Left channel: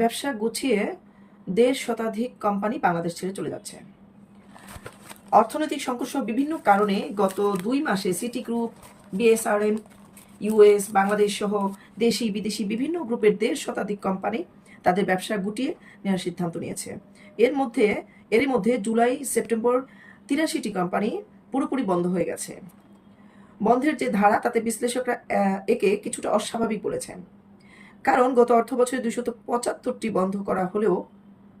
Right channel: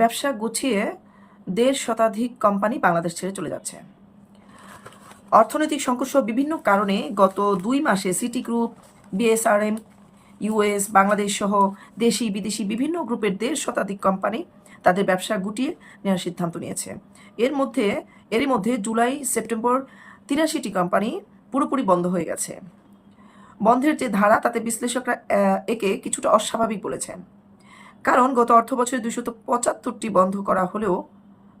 ব্যবসা গুছিয়ে দেড় শতাধিক কোম্পানি বাংলাদেশ ছেড়ে চলে যাচ্ছে। অর্থনৈতিক সংকট বিভিন্ন কারণে গত দুই মাসে City Group BSRM US Bangladesh সহ দেশি বিদেশি বিভিন্ন গ্রুপের দেড় শতাধিক কোম্পানি তাদের ব্যবসা গুটিয়ে নেওয়ার সিদ্ধান্ত নিয়েছে। এর মধ্যে, এরই মধ্যে জুলাই, সেপ্টেম্বর তিরাশিটি কোম্পানি পুরোপুরি বন্ধ হয়ে গেছে। বন্ধের যে ধারা, তাতে বিশ্লেষকরা একে কিছুটা অস্বাভাবিক বলেছেন। কারণ গত অর্থ বছরে দুশত পঁচাত্তরটি বন্ধ করা হলেও,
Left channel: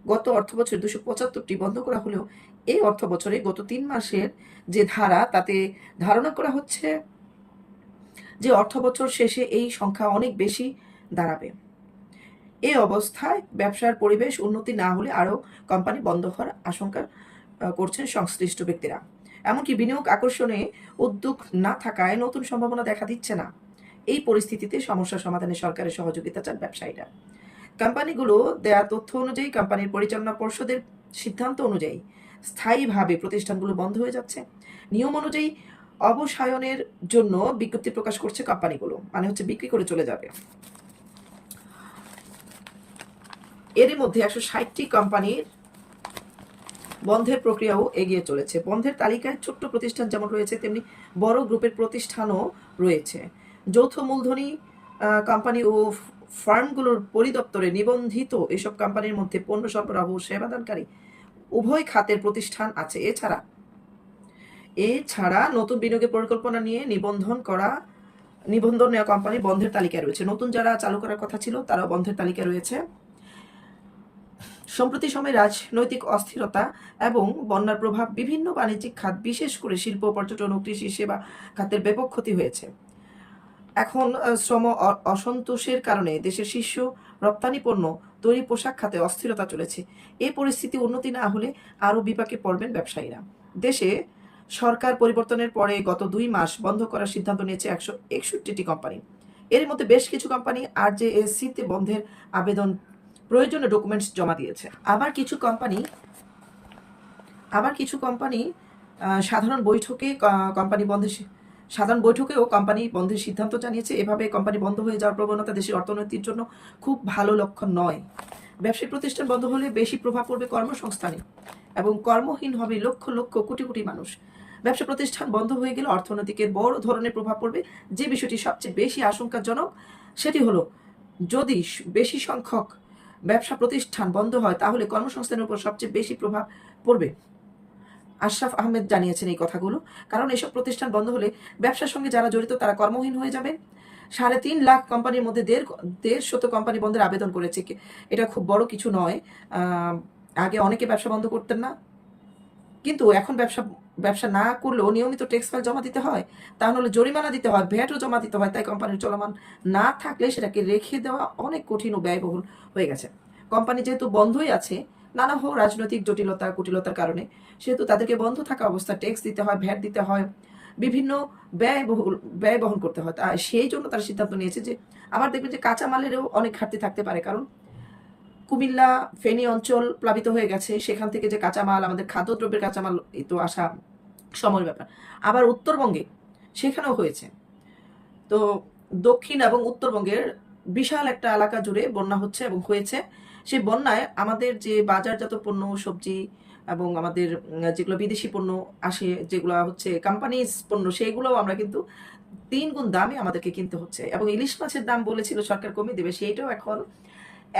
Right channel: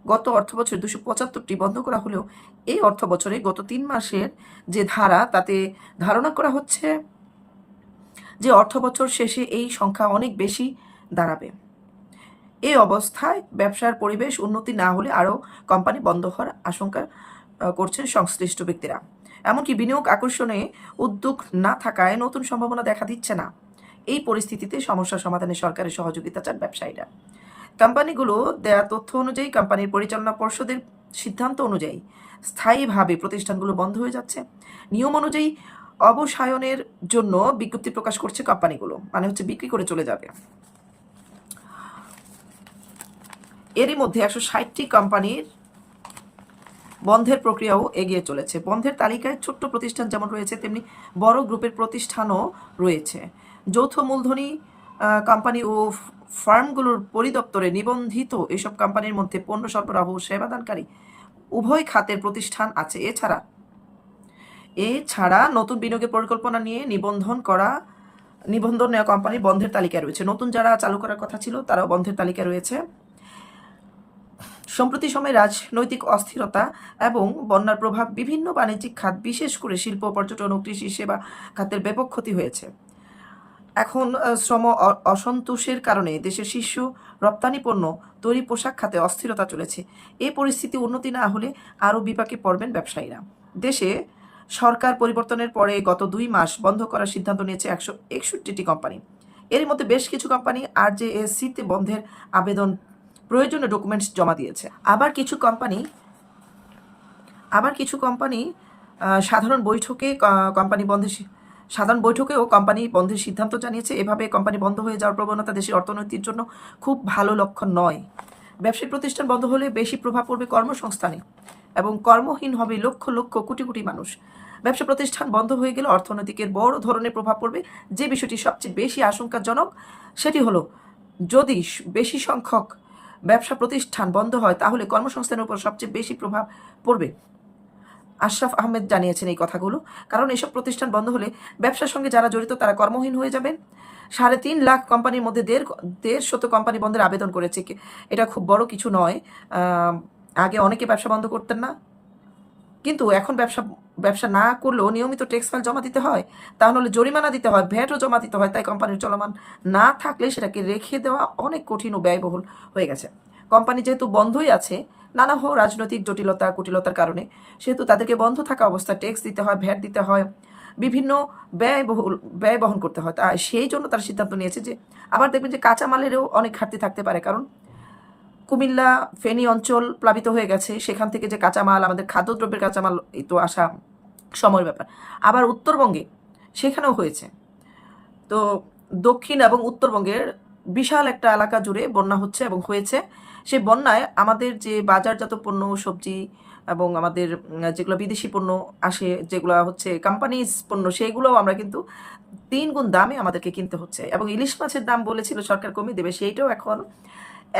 গত অর্থ বছরে দুশো পঁচাত্তরটি বন্ধ করা হলেও এই অর্থ বছরে গত তিন মাসের যে ধারা, তাতে ধারণা করা হচ্ছে যে অর্থ বছর শেষে এই সংখ্যা অনেক বেশি দাঁড়াবে। এই অবস্থায় ব্যবসার পরিবেশ উন্নতি না হলে আরও কোম্পানি বন্ধ হওয়ার আশঙ্কা করছেন সংশ্লিষ্ট ব্যক্তিরা। এমনকি বিনিয়োগ আকর্ষণে উদ্যোগ না থাকায় নতুন সম্ভাবনা দেখা দিচ্ছে না। এই পরিস্থিতিতে সমস্যা সমাধানে সরকারের সহযোগিতা চান ব্যবসায়ীরা। কোম্পানিগুলো দেয়া তথ্য অনুযায়ী কোম্পানির পরিচালনা পর্ষদের সিদ্ধান্ত অনুযায়ী স্থায়ীভাবে প্রতিষ্ঠানগুলো বন্ধ হয়ে যাচ্ছে। নিয়ম অনুযায়ী অবসায়নের জন্য বিজ্ঞপ্তি প্রকাশ করছে কোম্পানিগুলো মানে হচ্ছে বিক্রি করে চলে যাবে। এরই মধ্যে একশো ষাটটি কোম্পানির বন্ধের প্রক্রিয়াও এগিয়ে চলেছে। বন্ধের তালিকায় ছোট্ট প্রতিষ্ঠান যেমন রয়েছে, তেমনি বড় গ্রুপের প্রতিষ্ঠানও রয়েছে। যৌথ মূলধনী কোম্পানি ও ফার্মগুলোর পরিদপ্তরে নিবন্ধিত এসব কোম্পানির মধ্যে পণ্য সরবরাহ সেবাদানকারী উভয় খাতের প্রতিষ্ঠান আছে। এছাড়া এছাড়া নতুন বিনিয়োগের পরিকল্পনা নিয়ে নিবন্ধন করা, নিবন্ধন নেওয়া কোম্পানি বন্ধের তালিকায় রয়েছে। নতুন যারা চালু করার কথা ছিল, তারাও বন্ধের তালিকায় রয়েছে। সম্প্রতি সময়ে রাজনৈতিক অস্থিরতা এবং বন্যার প্রভাব বিভিন্ন বাণিজ্যিক খাত, বিশেষ করে শিল্প, পর্যটন ও কৃষি সেবা খাতের ব্যাপক ক্ষতি হয়েছে। এখন শ্রম অসন্তোষের কারণে দেশের শীর্ষ রপ্তানি পণ্য, তৈরি পোশাক খাতে অস্থিরতা চলেছে। এই পরিস্থিতি উন্নতি না হলে আরও বিপাকে পড়বেন ব্যবসায়ীরা। দেশে সরকার পরিবর্তনের পরে গত দুই মাস বন্ধ করার সিদ্ধান্ত নিয়েছে একশো একষট্টিটি কোম্পানি। এর মধ্যে বেশ কিছু কোম্পানি আর জে সিতে বন্ধের আবেদন প্রয়োজনীয় ডকুমেন্টস জমা দিয়েছে। আবার কিছু কোম্পানি, আবার কিছু কোম্পানি সাধারণ বৈঠকে কোম্পানি বন্ধের সাধারণ বৈঠকেও কোম্পানি বন্ধের সিদ্ধান্ত জানিয়েছে, এভাবে কোম্পানি বন্ধ হয়ে যাওয়ার প্রবণতা দেশের অর্থনীতির জন্য খুব ভালো লক্ষণ নয়। ব্যবসায়িক প্রতিষ্ঠান বন্ধ হলে বেশি প্রভাব পড়বে কর্মসংস্থানে এবং কর্মহীন হবে লক্ষ লক্ষ কোটি কোটি মানুষ। ব্যবসা প্রতিষ্ঠান বন্ধ হয়ে গেলে অর্থনৈতিকের বড় ধরনের প্রভাব পড়বে। যে বিষয়টি সবচেয়ে বেশি আশঙ্কাজনক সেটি হলো, যদি বেশি সংখ্যক ব্যবসা প্রতিষ্ঠান বন্ধ হয়, তাহলে কর্মসংস্থানের উপর সবচেয়ে বেশি প্রভাব পড়বে। আশরাফ আহমেদ জানিয়েছেন এই কথাগুলো। কারণ এসব প্রতিষ্ঠান বন্ধ হলে ব্যবসার সঙ্গে যারা জড়িত তারা কর্মহীন হয়ে যাবেন। সাড়ে তিন লাখ কোম্পানির মধ্যে দেড় দেড় শত কোম্পানি বন্ধের আবেদন করেছে এটা খুব বড় কিছু নয়। আগে অনেকে ব্যবসা বন্ধ করতেন না। কিন্তু এখন ব্যবসা ব্যবসা না করলেও নিয়মিত ট্যাক্স ফাইল জমা দিতে হয়। তাহলে জরিমানা দিতে হয়, ভ্যাটও জমা দিতে হয়, তাই কোম্পানির চলমান না থাকলে সেটাকে রেখে দেওয়া অনেক কঠিন ও ব্যয়বহুল হয়ে গেছে। কোম্পানি যেহেতু বন্ধই আছে নানা রাজনৈতিক জটিলতা, কুটিলতার কারণে। সেহেতু তাদেরকে বন্ধ থাকা অবস্থায় ট্যাক্স দিতে হয় ভ্যাট দিতে হয়, বিভিন্ন ব্যয়বহুল, ব্যয় বহন করতে হয়। তা সেই জন্য তারা সিদ্ধান্ত নিয়েছে যে, আবার দেখবেন যে কাঁচামালেরও অনেক ঘাটতি থাকতে পারে। কারণ কুমিল্লা, ফেনী অঞ্চল প্লাবিত হয়ে গেছে। সেখান থেকে যে কাঁচামাল, আমাদের খাদ্যদ্রব্যের কাঁচামাল, এই তো আসা সময়ের ব্যাপার। আবার উত্তরবঙ্গে সেখানেও হয়েছে। তো দক্ষিণ এবং উত্তরবঙ্গের বিশাল একটা এলাকা জুড়ে বন্যা হচ্ছে এবং হয়েছে। সেই বন্যায় আমাদের যে বাজারজাত পণ্য, সবজি এবং আমাদের যেগুলো বিদেশি পণ্য আসে, যেগুলো হচ্ছে কোম্পানিজ পণ্য সেইগুলোও আমরা কিন্তু তিন গুণ দামে আমাদেরকে কিনতে হচ্ছে। এবং ইলিশ মাছের দাম বলেছিল সরকার কমিয়ে দেবে, সেইটাও এখন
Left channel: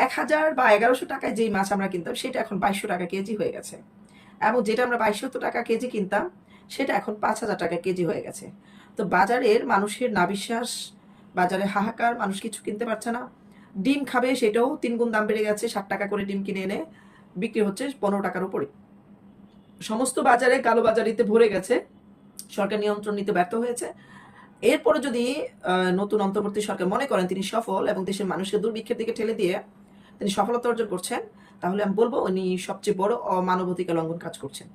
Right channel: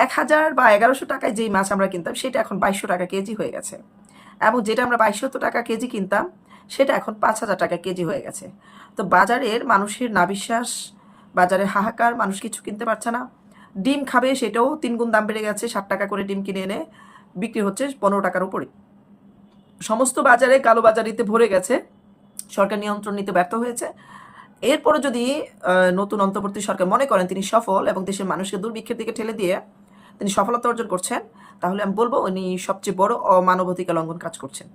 এক হাজার বা এগারোশো টাকায় যেই মাছ আমরা কিনতাম, সেটা এখন বাইশশো টাকা কেজি হয়ে গেছে। এবং যেটা আমরা বাইশশো টাকা কেজি কিনতাম, সেটা এখন পাঁচ হাজার টাকা কেজি হয়ে গেছে। তো বাজারের মানুষের না বিশ্বাস বাজারে হাহাকার, মানুষ কিছু কিনতে পারছে না। ডিম খাবে সেটাও তিন গুণ দাম বেড়ে গেছে, ষাট টাকা করে ডিম কিনে এনে বিক্রি হচ্ছে পনেরো টাকার উপরে সমস্ত বাজারে কালো বাজারিতে ভরে গেছে, সরকার নিয়ন্ত্রণ নিতে ব্যর্থ হয়েছে। এরপরে যদি নতুন অন্তর্বর্তী সরকার মনে করেন তিনি সফল এবং দেশের মানুষকে দুর্ভিক্ষের দিকে ঠেলে দিয়ে তিনি সফলতা অর্জন করছেন, তাহলে আমি বলব উনি সবচেয়ে বড় অমানবাধিকার লঙ্ঘন কাজ করছেন।